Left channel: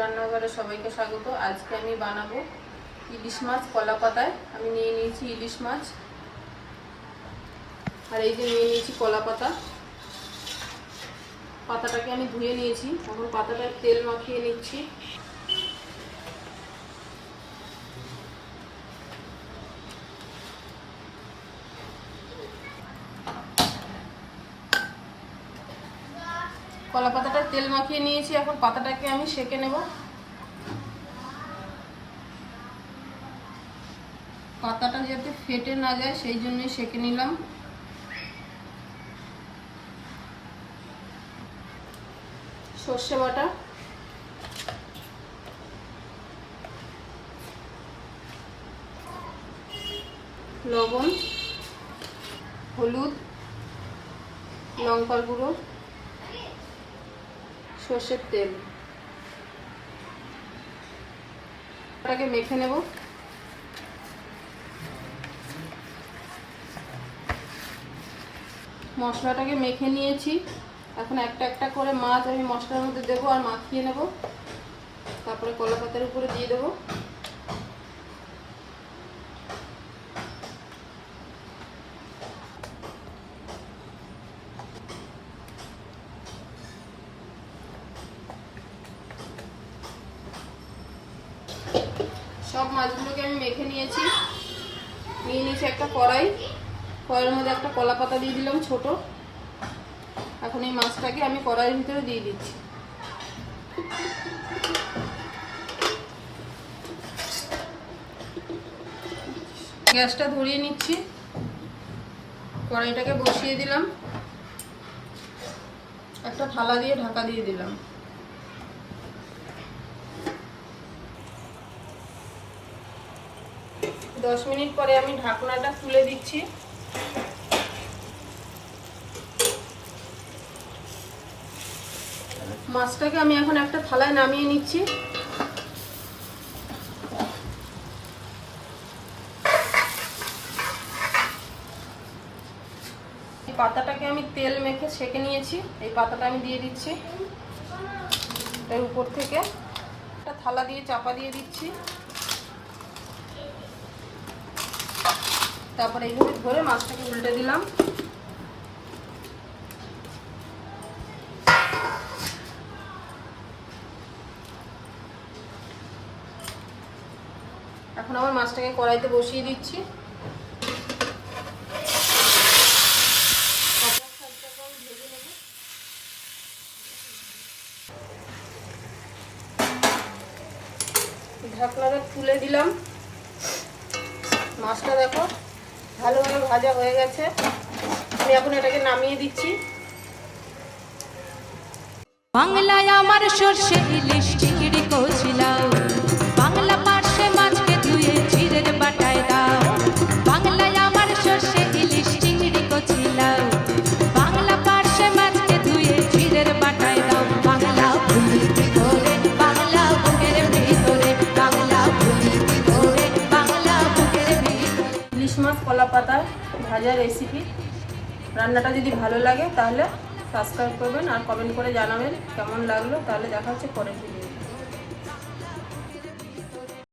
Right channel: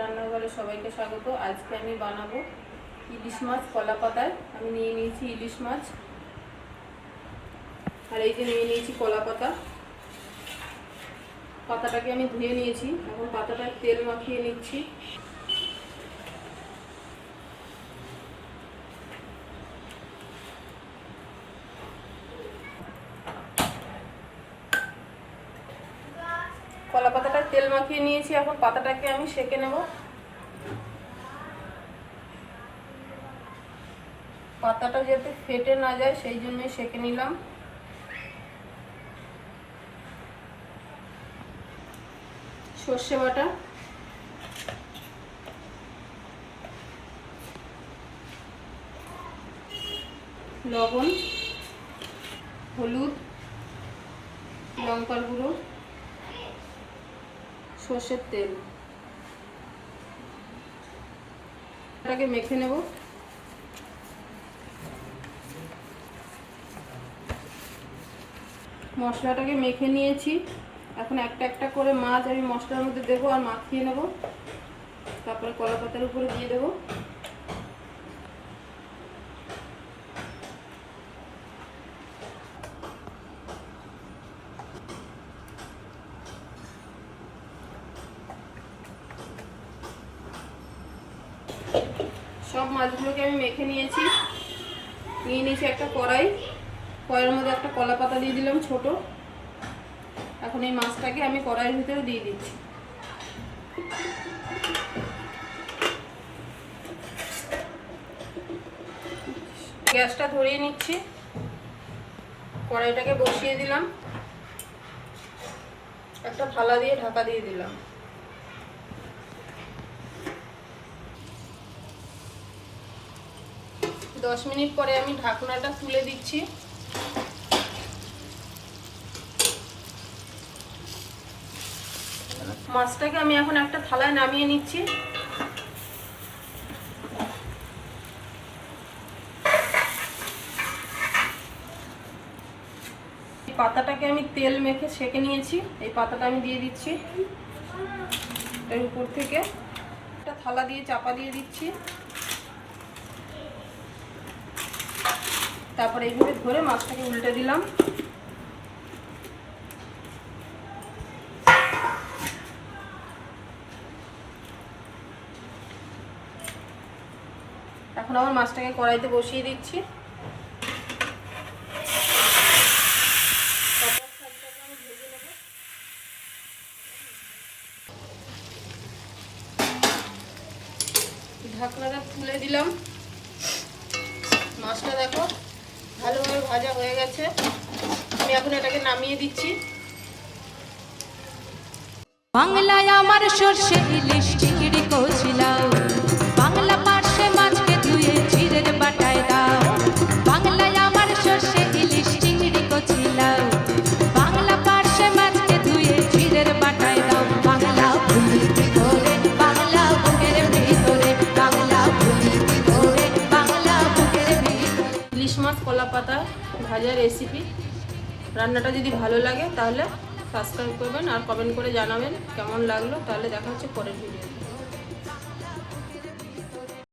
রান্নাঘরে সবাইকে স্বাগত। আজকে আমি বানাবো ইলিশ মাছ কলা পাতায়। আমি নিয়ে নিয়েছি ইলিশ মাছ। আর এই যে নিয়ে নিয়েছি কলা পাতা। পাতাটাকে আমি ধুয়ে নিয়েছি। এখন পাতাটায় তেল মাখিয়ে নিচ্ছি। কলা পাতাটা তেল মাখিয়ে নিয়েছি, এখন পাতাটাকে আমি সেকে নেব। পাতাটা যাতে ফেটে না যায়, সেই জন্যই সেকে নিলাম। সর্ষে বাটা। লবণ, হলুদ, লঙ্কার গুঁড়ো। সর্ষের তেল। এটাকে মেখে নেব। মশলাটাকে মেখে নিয়েছি। এখন একটা একটা করে মাছ আমি মশলার মধ্যে দেবো আর মাখিয়ে নেব। তারপরে কলা পাতার উপরে দিয়ে দেবো। সব মাছগুলোকে আমি মেখে নিয়েছি। নিয়ে নিয়েছি একটা কড়াই। কড়াইয়ের মধ্যে একটা কলা পাতা দিয়ে দিলাম ছোট। এখন এই মাছটাকে আমি কড়াইয়ের ভিতরে দিয়ে দিচ্ছি। গ্যাসটা ধরিয়ে নিচ্ছি। কড়াইটাকে বসিয়ে দিলাম। একটা থালা দিয়ে ঢাকা দিয়ে দিলাম। দশ মিনিট পরে আমি ঢাকনাটা তুলে দিচ্ছি। মাছটাকে আমি এখন একটা থালায় নামিয়ে নিচ্ছি। পাতাটাকে আমি তেল মেখে সেকে নিয়েছি। এই পাতাটা আমি দিয়ে দিচ্ছি। এর উপর থেকে একটা থালা দিয়ে চাপা দিয়ে দিচ্ছি। তারপরে এইভাবে ধরে মাছটাকে উল্টে দিলাম। এখন আমার মাছটাকে কড়াইতে বসিয়ে দিচ্ছি। ঢাকনাটা তুলে দিলাম। মাছটা দেখো। ভালোভাবে ভাজা হয়ে গেছে। আমি এখন এটাকে নামিয়ে দিচ্ছি। বাংলায় আমার সর্ষে ইলিশ। কলা পাতা ভাজা রেসিপি রান্নাটা যদি ভালো লাগে তাহলে সাবস্ক্রাইব করবেন আর কমেন্ট করে জানাবেন কেমন লাগল, তাহলে দেখা হচ্ছে পরের ভিডিও